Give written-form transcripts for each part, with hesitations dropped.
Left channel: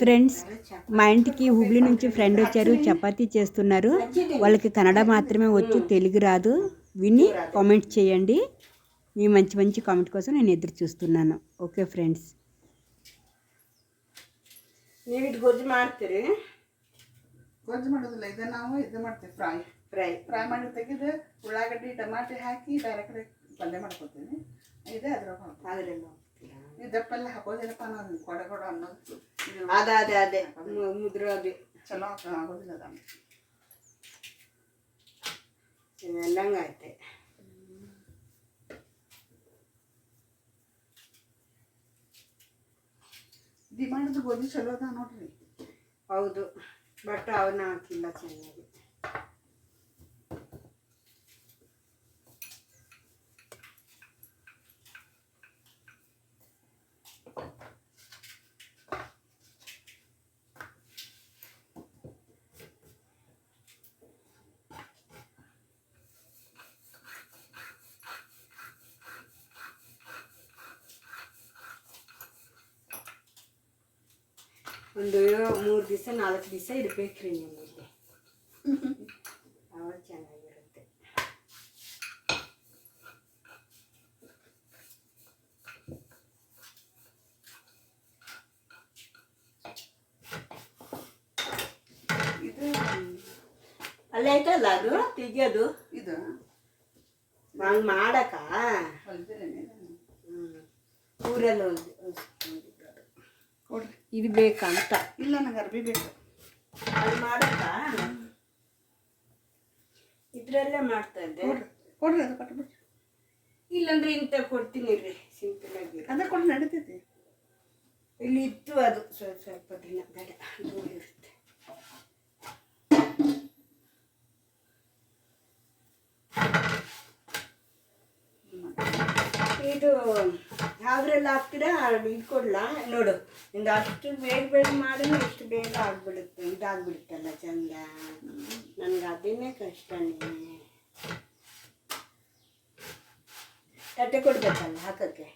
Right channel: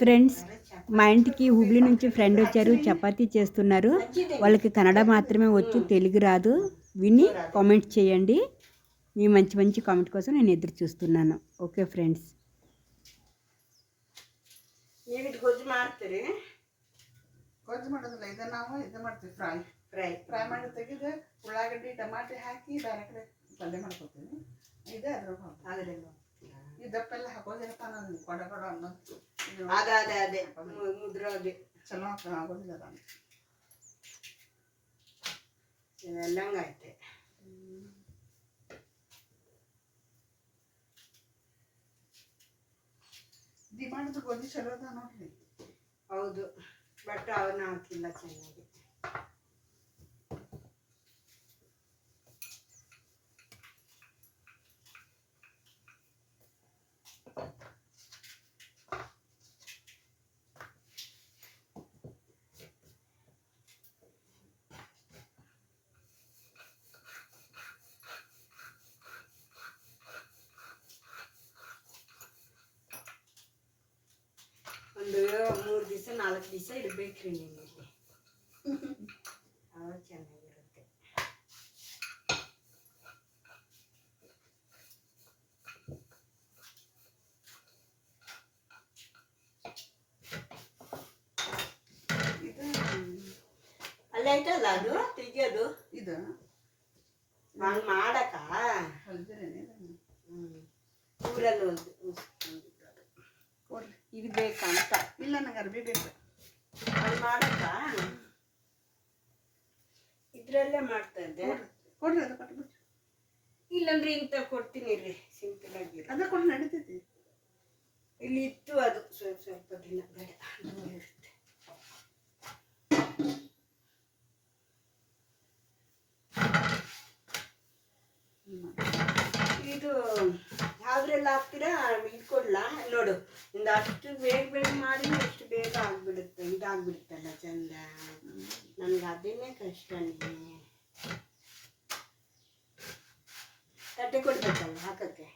Friends, మా ఇంటికి హుబ్లీ నుంచి ఫ్రెండ్ వచ్చారు, చపాతీ చేస్తున్నారు. వాళ్ళకి కన్నడ మాత్రమే వచ్చు, తెలుగు రాదు. విని కామెంట్ చేయండి. మీ మంచి మంచి కామెంట్ కోసం నేను ఎదురు చూస్తున్నాను. ఓకే ಫ್ರೆಂಡ್ಸ್, ನೀವು ಇದು ಗೊಜ್ಜು ಮಾಡ್ತೀರಿ? ಗೊಜ್ಜು ಮಾಡೋದಿಲ್ಲ, ಈಗ ನಾವು ಇದು ಮಾಡ್ತೀವಿ, ಫ್ರೈ ಮಾಡಿ ತೆಗೆದು ಉಳ್ಳಾಗಡ್ಡಿ ಟಮಾಟೆ ಹಾಕಿ ಬೇರೆ ಕಡೆ ಪಲ್ಯ ಮಾಡ್ಕೊತೀವಿ. ಇದೇ ಅದ್ರಾಗ ಇದಪ್ಪೆಲ್ಲ ಹಾಕೋದಿಲ್ಲಪ್ಪ, ನಾನು ಕೊಡ ಅನ್ನೋದು ಅದೇ ಮುದ್ರೋದು ಚಲೋ ಆಗೋದಿಲ್ಲ. ಅದ ಇವೆಲ್ಲಂಗೈತೆ. ಡಿಮಾಂಡ್ ಗೋಧಿ ಚಲೋ ಅದ ನೋಡ್ರಿ. ಹೌದು, ಬಟ್ ಅವನ್ನ ಹಾಕಿಲ್ಲ ಚೆನ್ನಾಗಿ. ಒಂದು 3 ದಿವಸ 4 ದಿವಸ ಇಡಬೇಕ್ರಿ ನಿಮ್ಮಲ್ಲಿ, ಅವಾಗ ಚೆನ್ನಾಗಿರುತ್ತೆ. ಇದು ಅಲ್ಲೇ ಐತಲ್ಲ ಅದು ತೆಗಿಯೋದು, ಇದು ಹಂಗೆ ಮಾಡಕ ಊರಲ್ಲಿ ಕೊಡ್ರಿ. ಇದು ಬೇಕಂತ ಇಲ್ಲ, ನಂಗೆ ಅರ್ಬಿ ಬೇಕು. ಅದು ಮಾಡಕ ಇದ್ರಲ್ಲೇ ಮಾಡ್ತಾ ಇದ್ದೆ. ಕೊಡ್ರಿ, ಅದು ಕೊಟ್ಬಿಡ್ರಿ. ಇಲ್ಲಂದ್ರೆ ಇಂಥ ಕೊಡ್ತೀನಿ ರೀ, ಸಿಂಪಲ್ ಆಗಿ. ಅದೇ ಕೊಡ್ರಿ, ನಡೀತೈತಿ. ಇಲ್ಲಿ ಇತ್ತು ಅದು ಸ್ವಲ್ಪ ದಿನ ಬೇಡ, ದೂರ ಇರುತ್ತೆ. ಇದು ಯಾವ್ದ್ರೆಲ್ಲ ಹಾಕ್ತೀರಾ ಇಟ್ಕೊಡ್ಲ ನೋಡು. ಇಂದ ಅಷ್ಟು ಬೇಗ ಮಾಡಿ ಎಷ್ಟು ಬೇಗ ಆಗ್ಬಿಡುತ್ತೆ, ಇದಾಗ್ಬಿಡುತ್ತಲ್ಲ ಚಂದ. ನನ್ಗೆ ಅದೇನೇ ಕಷ್ಟನೇ. ತಟ್ಟೆ ಕೊಡ್ಬೇಕಲ್ಲ ಹಾಕಕ್ಕೆ.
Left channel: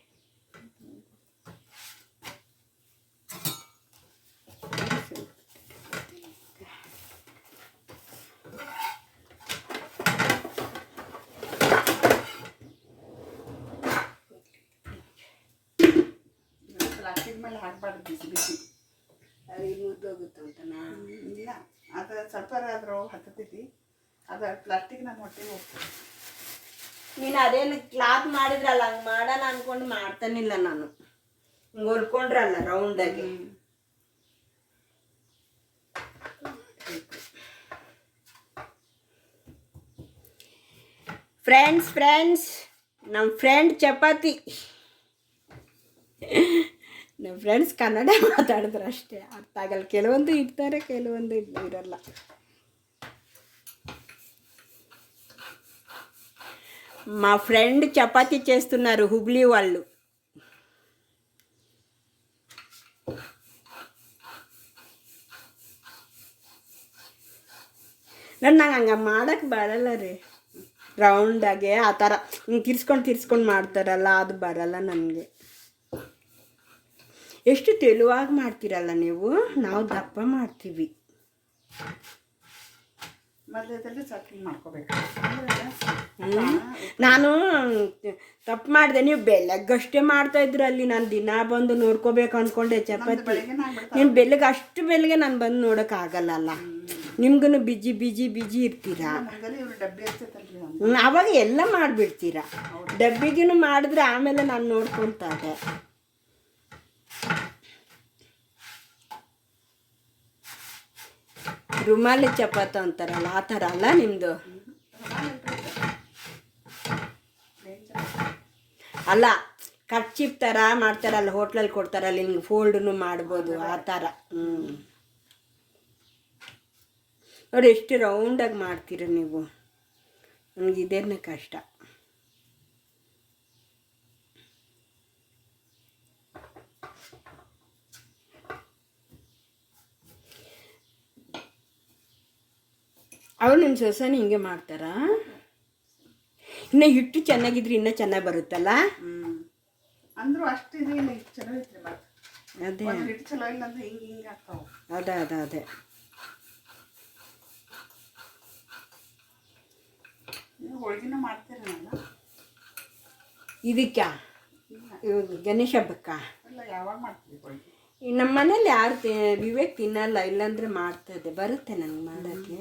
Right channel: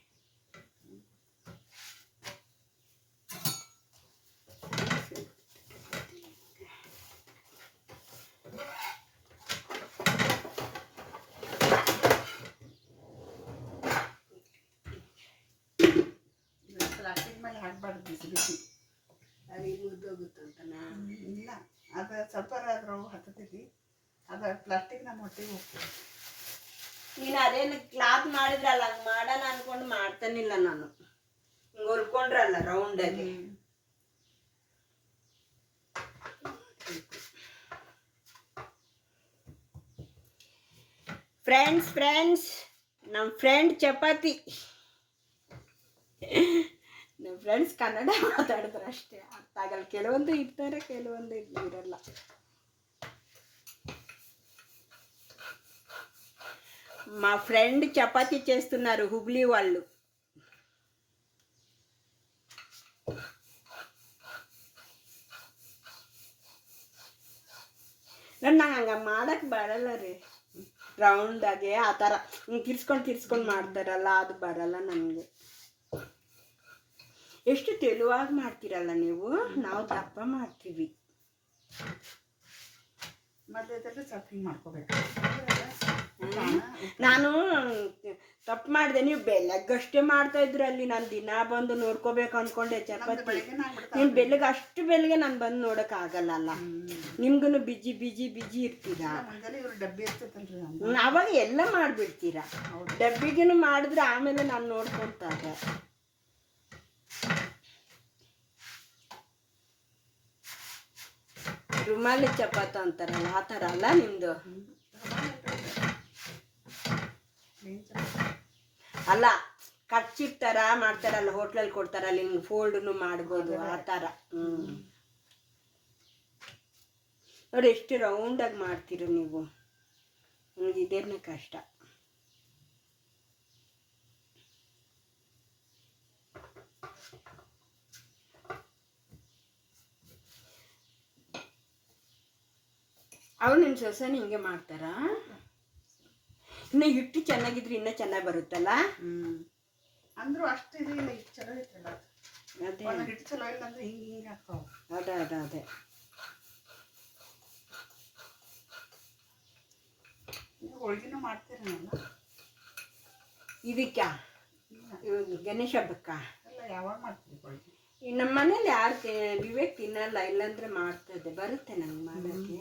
ಪ್ಲಾಸ್ಟಿಕ್ ಮೇಲೆ ಹಾಕ್ಬಾರ್ದು, ಬಿಸಿ ಬಿಸಿ ಅದು ಮುದ್ದೋಗುತ್ತಂತನ. ಇಲ್ಲ, ಅದು ಸ್ವಲ್ಪ ಅದ್ರ ಹತ್ತತೈತಿ, ಅದು ಪ್ಲಾಸ್ಟಿಕ್ ನಮ್ಮ ಹೊಟ್ಟೆಗೆ ಹೋಗ್ತದೆ. ನೀನು ಅದೇನು ಕ್ಲಾತ್ ಮಾಡಿದ್ರಲ್ಲ, ಹಂಗೆ ಮಾಡೋಣ ಅನ್ಕೊಂಡು ಮಾಡ್ತಾನಿಲ್ಲ ನಾನು. ಹಿಂಗೆ ಹೊಲ್ಕೊಂಡ್ರಲ್ಲ ರೌಂಡಾಗಿ. ಫ್ರೆಂಡ್ಸ್ ನಮ್ಮ ಫ್ರೆಂಡ್ ಚಪಾತಿ. ನಮ್ಮ ಫ್ರೆಂಡ್ಸ್ ಕನ್ನಡ ಮಾತಾಡಿದ್ರೆ ಅಷ್ಟೇ ಅರ್ಥ ಆಗಲ್ಲ. ಕೆಲವೊಂದು ಇರ್ತಾರೆ, ಕೆಲವೊಂದು ಇರಲ್ಲ. మా ఫ్రెండ్ చపాతీ చేస్తున్నారు, హుబ్లీ వాళ్ళు. ನಂಗೆ ಹಂಗೆ ಮಾಡಕ್ಕೆ ಬರಲ್ಲ ರೀ. ರೌಂಡಾಗೆ ಆ ಥರ ಹಿಂಗೆ ತಿರ್ಸ್ಕೊಂಡು ಮಾಡ್ತಾರಲ್ಲ, ಅದು ಬರಲ್ಲ ನನಗೆ. ಎಷ್ಟು ತೆಳುವಾಗಿ ಮಾಡ್ತೀರಲ್ಲ ನೀವು, ನಾವು ದಪ್ಪ ಮಾಡ್ತೀವಿ. ಮೊದಲು ಸ್ವಲ್ಪ ಮಾಡ್ಕೋಬೇಕು. ನಾನು ತಪ್ಪು ಮಾಡಿದೆ, ನೀವು ಬೆಳಗ್ಗಷ್ಟೇ ಮಾಡ್ತಾ ಇದ್ರು ಅಲ್ಲಿ. ನಾನು ದಿನ ಬಂದು ನೋಡ್ಕೋಬೇಕು ಅಂದ್ಕೊಂಡೆ ಚಪಾತಿ. ನೀನು ಅಷ್ಟು ಬೆಳಗ್ಗೆ ನಾನು ಬಂದು ನೋಡೋಕ್ಕಾಗಲ್ಲ. ನಿಮ್ಗೂ ಬಿಜಿ ಇರ್ತೀರಾ. ಅವಾಗ ಎಲ್ಲ ಮಾಡಿಬಿಡ್ತೀರಾ. ಡಬ್ಬಿಗೂ ಮಾಡಿದ್ರೆ ಆಮೇಲೆ ನಾನು ನೋಡ್ಕೊತಾ ಇದ್ದೆ. ರುಮಾಲಿ ಚಪಾತಿ ಅಂತಾರಲ್ಲ, ಆ ಥರ ಅಲ್ಲ ನಿಮ್ಮದು? ಅಲ್ಲ, ಕರ್ಚಿಪ್ ಥರ ಮಾಡ್ತಾರಲ್ಲ, ಹೋಟ್ಲಲ್ಲಿ ಕೊಡ್ತಾರಲ್ಲ, ಹಿಂಗೆ ಫೋಲ್ಡನ್ನು ಮಾಡ್ಬೋದು, ಆ ಥರ. ನೋಡಿ ಎಷ್ಟು ರೌಂಡಾಗಿ ಮಾಡ್ತೀರ ನೀವು. ನನಗೆ ಇದೇನೇ ಕಷ್ಟ. ಅವ್ರು ನಿಮ್ಮ ಸೊಸೆನ ಹಿಂಗೆ ಮಾಡ್ತಾರಾ? ಇನ್ನು ಹಿಟ್ಟು ಚೆನ್ನಾಗಿದ್ರೆ ಇನ್ನೂ ಚೆನ್ನಾಗಿ ಬರುತ್ತಲ್ಲ. ಅಂದರೂ ಅಷ್ಟು ಇದು ಇಲ್ಲ, ಚಲೋ ಐತ್ರಿ. ಅದೇ ಒಂದು ಹಿಟ್ಟು ಚಲೋ ಇಲ್ಲ ಅಂದ್ರೆ ಹಿಂಗೆ ಆಗ್ತಾವೆ. ಅದೇ ಹೋಳಿಗೆನೂ ಮಾಡ್ತೀರಿ ನಾನು. ಇದಕ್ಕೆ ಗಣೇಶ ಹಬ್ಬಕ್ಕ ಎಲ್ಲ ಯಾವಾಗ ಮಾಡ್ತೀವಿ ಹೋಳಿಗೆ? ನಮ್ಮ ಮನೇಲಿ ಯಾರು ವಿವೇಕ್ ತಿನ್ನಲ್ಲ, ಇಲ್ಲಾಂದ್ರೆ ಮಾಡ್ತದೆ. ಬರುತ್ತೆ ನನಗೆ ಮಾಡೋಕ್ಕೆ,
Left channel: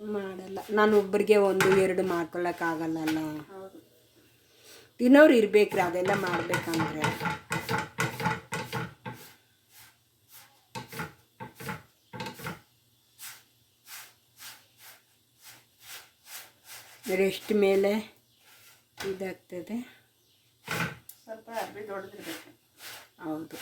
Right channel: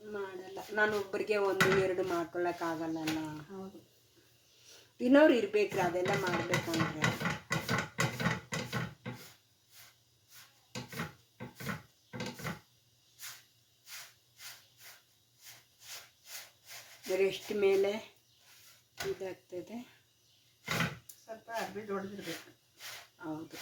ಮಾಡಲ್ಲ. ನಾನು ಒಬ್ಬರಿಗೆ 1-2 ಮಾಡ್ಕೊಳ್ಳೋಕ್ಕಾಗಲ್ಲಲ್ಲ. ಹೌದು. ತಿನ್ನೋರು ಇರ್ಬೇಕ್ರಿ ಅದೆಲ್ಲ ಮಾಡ್ಬೇಕಂದ್ರೆ. ರೆಸ್ಟ್ ಮೇಲೆ ಇದಾಗ್ತದೆ. ಸ್ವಲ್ಪ ಅರ್ಬಿ ದೊಡ್ಡದಿರ್ಬೇಕು. ಹೌದು.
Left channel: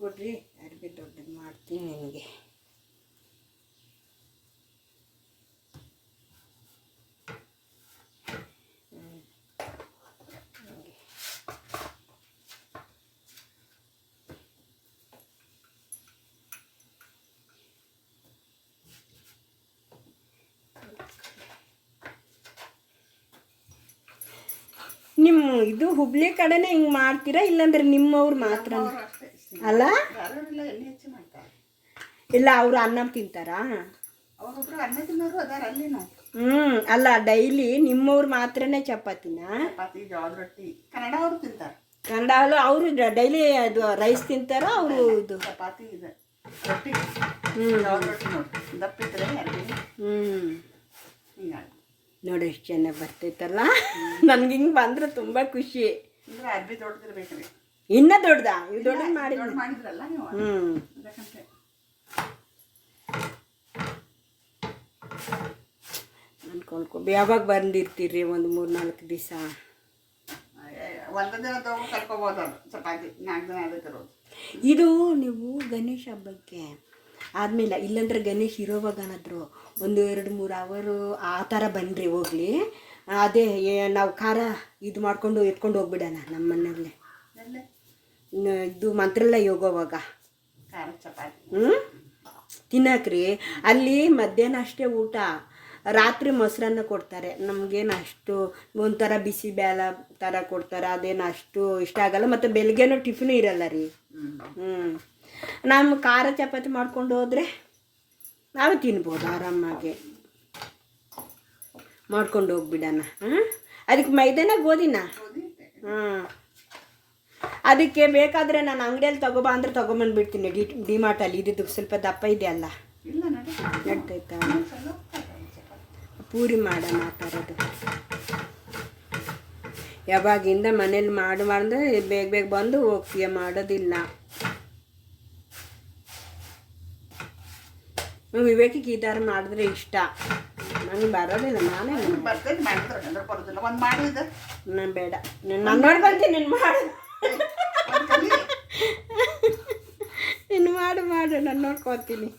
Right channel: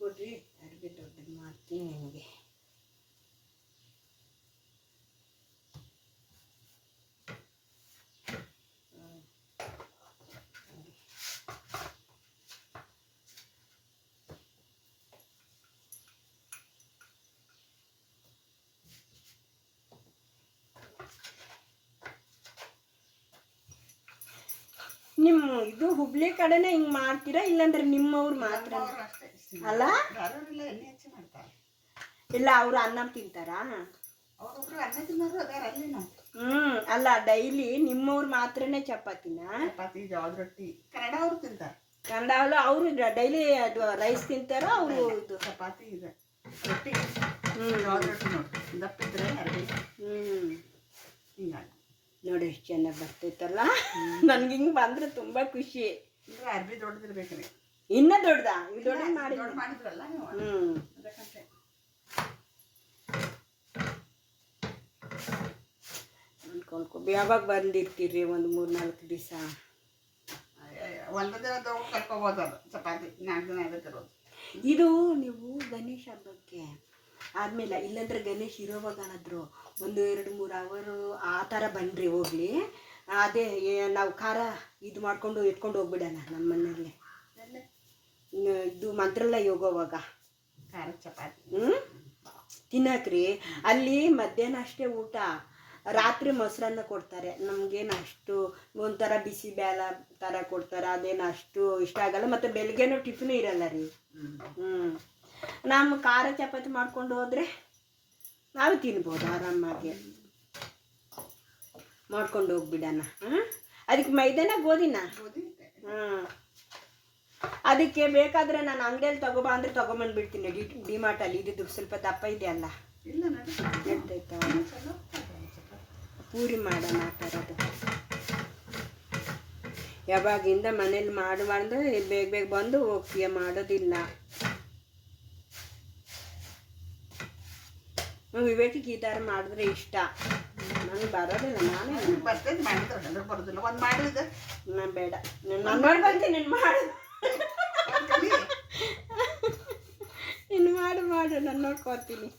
ಕೊಡ್ರಿ, ಅರ್ಬಿ ದೊಡ್ಡದು ಮಾಡ್ತೀನಿ ನಿಮಗೆ. ನಿಮ್ಮ ಇದು ಹುಬ್ಳಿ ಕಡೆನೇ ಹಿಂಗೆ ಮಾಡ್ತೀರಾ, ಇಲ್ಲಾಂದ್ರೆ ನಿಮ್ಮವ್ರು ಮಾತ್ರ ಅಷ್ಟೇ ಅಲ್ಲ? ಧಾರವಾಡಿಲ್ಲ ಎಣ್ಣೆ ಹೆಚ್ಚಿ ಮಾಡ್ತಾರೆ. ಇಲ್ಲ ಅವರು ಅನ್ನ ತಿಂತಾರಾ? ಅವ್ರೊಬ್ರು ಅನ್ನ ತಿನ್ನೋರು ಅದಾರ ಅಲ್ಲಿನೂ. ಅಲ್ಲ ಡೈಲಿ ನಿಮ್ಮವ್ರು ಮಾತ್ರನೇ ಚಪಾತಿನ? ಚಪಾತಿ, ಜೋಳದ ರೊಟ್ಟಿ ಕನ್ನಡವರು ತಿಂತಾರೆ. ಕನ್ನಡ ಅಲ್ಲ, ಅವರು ಡೈಲಿ ಅದು ರೈಸ್ ತಿಂತಾರ ಅವರು? ಇದು ಚಪಾತಿ ಇದೆ, ರೊಟ್ಟಿ, ಜೋಳದ ರೊಟ್ಟಿ ನೋಡಿ ದಪ್ಪಿದ್ರೆ ಅರ್ಬಿ ಹಿಂಗಾಗಿ ನೋಡಿ ಎಷ್ಟು ಚೆನ್ನಾಗಿ ಬರ್ತೈತಲ್ಲ. ನನ್ಗೆ ಹಿಂಗೆ ಬಂದ್ರೆ ತುಂಬ ಖುಷಿ. ಅಂದ್ರೆ ಅರ್ಬಿ ದೊಡ್ಡದಿರ್ಬೇಕ್ರಿ. ಇನ್ನೂ ದೊಡ್ಡದಾ? ಇವು ದೊಡ್ಡ ಮಾಡಿದ್ರಲ್ಲ ನೀವು, ಅದಕ್ಕಂತೆ. ಯಾವಾಗ ಬಂದಿರ್ತೀರಿ? ಒಂದು 3-4 ದಿವಸ. ಒಂದು ದಿನ ತಗೊಂಡು ಕರ್ಕೋಬೋದು. ಚಪಾತಿ 4 ದಿನ ಅದಕ್ಕಿರೋದು. ಇದು ನೀವು ಗಣೇಶ ಹಬ್ಬಕ್ಕೆ ಆದಮೇಲೆ, ಇಲ್ಲಾಂದ್ರೆ ಗಣೇಶ್ ಇರೋವಾಗನಾದ್ರು 1-2-3 ಅವರು ಆ ಥರ ಬನ್ನಿರಿ ಹೋಗ್ಲಿ. ಅದೇ ನಾವು ಖಾರ ಇದು ಮಾಡ್ಕೊಂಡು ಎತ್ಕೊಂಡು ಹೋಗ್ಬಿಡೋಣ ನಮ್ಮ ಮನೆಯಲ್ಲೇ. ಇದು ಮಂತ್ರಾಲಯ ಹೋಗೋವಾಗ ಖಾರ ಚಪಾತಿ ತಿನ್ನಕ್ರಿ. ಅಲ್ಲಿ ಮಧ್ಯಾಹ್ನ ಅಷ್ಟೇ ಊಟ, ರಾತ್ರಿ ಮೊಸರನ್ನ ಕೊಡ್ತಾರೆ. ನಮಗೇನು ಅಷ್ಟು ಒಂಥರ ಬಿಸಿ ಬೇಳೆ ಥರ ಕೊಡ್ತಾರೆ, ಅದೇನು ಅಷ್ಟು ಇಷ್ಟ ಆಗಲ್ಲ. ಮತ್ತು ಬೆಳಗ್ಗೆನೂ ಟಿಫಿನ್ ಇರಲ್ಲ ರೀ. ನಮ್ಮ ಖಾರ ಚಪಾತಿ ಮಾಡ್ಕೊಂಡು ಹೋದರೆ ನಾವು ತಿನ್ಬೋದು ಆರಾಮಾಗಿ. ಮಾಡ್ಕೊಂಡು ಹೋಗ್ಬಿಡೋಣ. ಅದಕ್ಕೆ ಮೈದಾನ ಗೋಧಿನ ಅದಕ್ಕೆ ಬೇಕಾದರೆ ನಾನು ಅಂಗಡಿಯಲ್ಲಿ ತಗೋಬಾ ಅಂದರೆ ತೊಗೊಂಬಂದ್ಬಿಡ್ತೀನಿ. ಡಿಮಾರ್ಟಲ್ಲಿ ಇದ್ದು ಸ್ವಲ್ಪ ದಪ್ಪ ಇದೆಯಲ್ಲ, ನಡ್ತೈತಾ? ಪೂರಿ ಮಾಡೋಣ ಆ ಥರದ್ದು. ಯಾವಾಗಿಂದ ಮನೇಲಿ ಮಾಡಿದ್ರೆ ಬೇಗ ಬಂದು ಹೋಗ್ತೀಯ, ಮಾಡೋದಿಲ್ಲ. ವಿವೇಕಿಗೆ ಈ ಥರ ಮಾಡಿದ್ರೆ ಇಷ್ಟ. ನನಗೆ ಬರೋದಿಲ್ಲ, ನಾನೇ ನಾನು ಬೇಡ, ನಾನು ನೋಡ್ಕೊಂತೀನಿ. ನೀನು ಮಾಡು, ನೀನು ಮಾಡು, ನಾನು ನೋಡ್ಕೊತೀನಿ.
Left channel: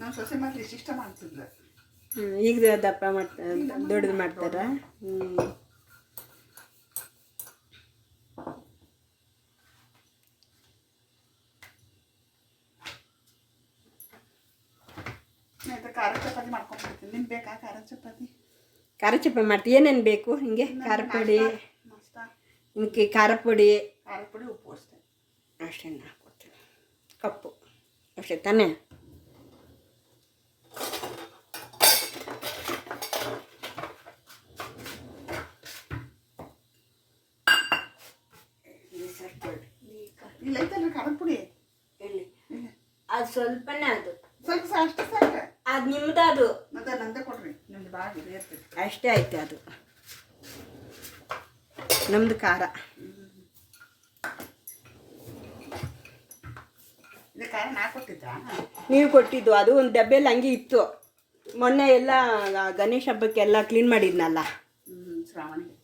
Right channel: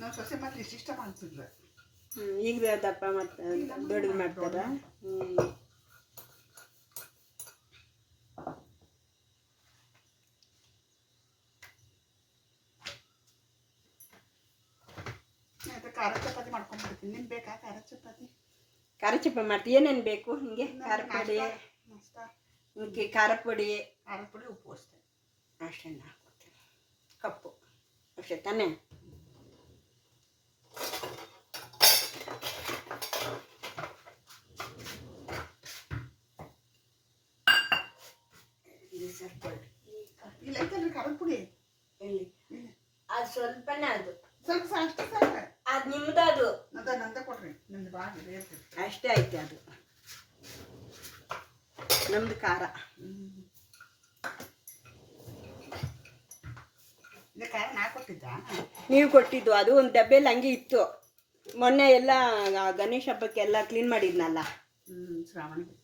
ನಮ್ಮ ಸೊಸೆ ಮತ್ತೆ ಇಷ್ಟ ಮಾಡ್ತಿದ್ಲು. ಈಗ ದಪ್ಪ ದೊಡ್ಡದು ಮಾಡ್ತಾರ. ಖಾರ ಚಪಾತಿ ಮಾಡ್ಕೊಂಡ್ಬಿಡ್ತೀನಿ. ನಿಮ್ಗೆ ಬೇಕಾ ಖಾರ ಚಪಾತಿ? ಖಾರ ಚಪಾತಿ ಮಾಡ್ತೀವಿ. ಏನೇನು ಬೇಕು ಹಿಂಗೆ? ಖಾರ ಪುಡಿ, ಹಿಂಗೆ ಖಾರ ಪುಡಿ, ಉಪ್ಪು ಅಷ್ಟೇ. ಅಷ್ಟೇ ಹಾಕ್ಕೊಡ್ತೀನಿ. ಕಪ್ಪು ಅಷ್ಟೇ ತಾನೇ? ಇಲ್ಲ ಐತಲ್ಲ ಖಾರದ ಪುಡಿ. ಎಲ್ಲಿ? ಅದು ಸ್ವಲ್ಪನೇ, ಅದು ಸ್ವಲ್ಪ ಅಷ್ಟೇ ಸಾಕು. ಅದು ನಿಮ್ದು, ಅದು ನಂದ ಕೊಡ್ರಿ. ನಿಮ್ದು ಭಾಳ ಇದೆ ಇರ್ತೈತಿ. ಅಷ್ಟೇ ಐತೆ ಅದು ನಮ್ದು ಖಾರ. ಇದು ಖಾರ ನಾ ಕೊಟ್ಟಿದ್ದ? ನೀವು ಕೊಟ್ಟಿದ್ದು. ಅದು ಒಂದು ಡಬ್ಬೆಲ್ಲಿ ಹಂಗೆ ಇತ್ತು. ಮೊನ್ನೆ ಎಲ್ಲ ಗಣೇಶ ಹಬ್ಬಕ್ಕೆಲ್ಲ ಕ್ಲೀನ್ ಮಾಡಿದ್ನಲ್ಲ. ಶ್ರಾವಣಿಗೆ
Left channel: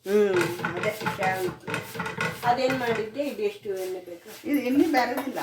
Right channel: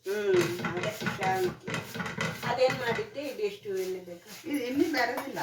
ಅದೇನು ಮಾಡಿದ್ದೆ? ಇದೆಷ್ಟು ಎಣ್ಣೆ ಬೇಕು? ಇದು ಎಣ್ಣೆ ಬೇರೆದಿಲ್ಲ.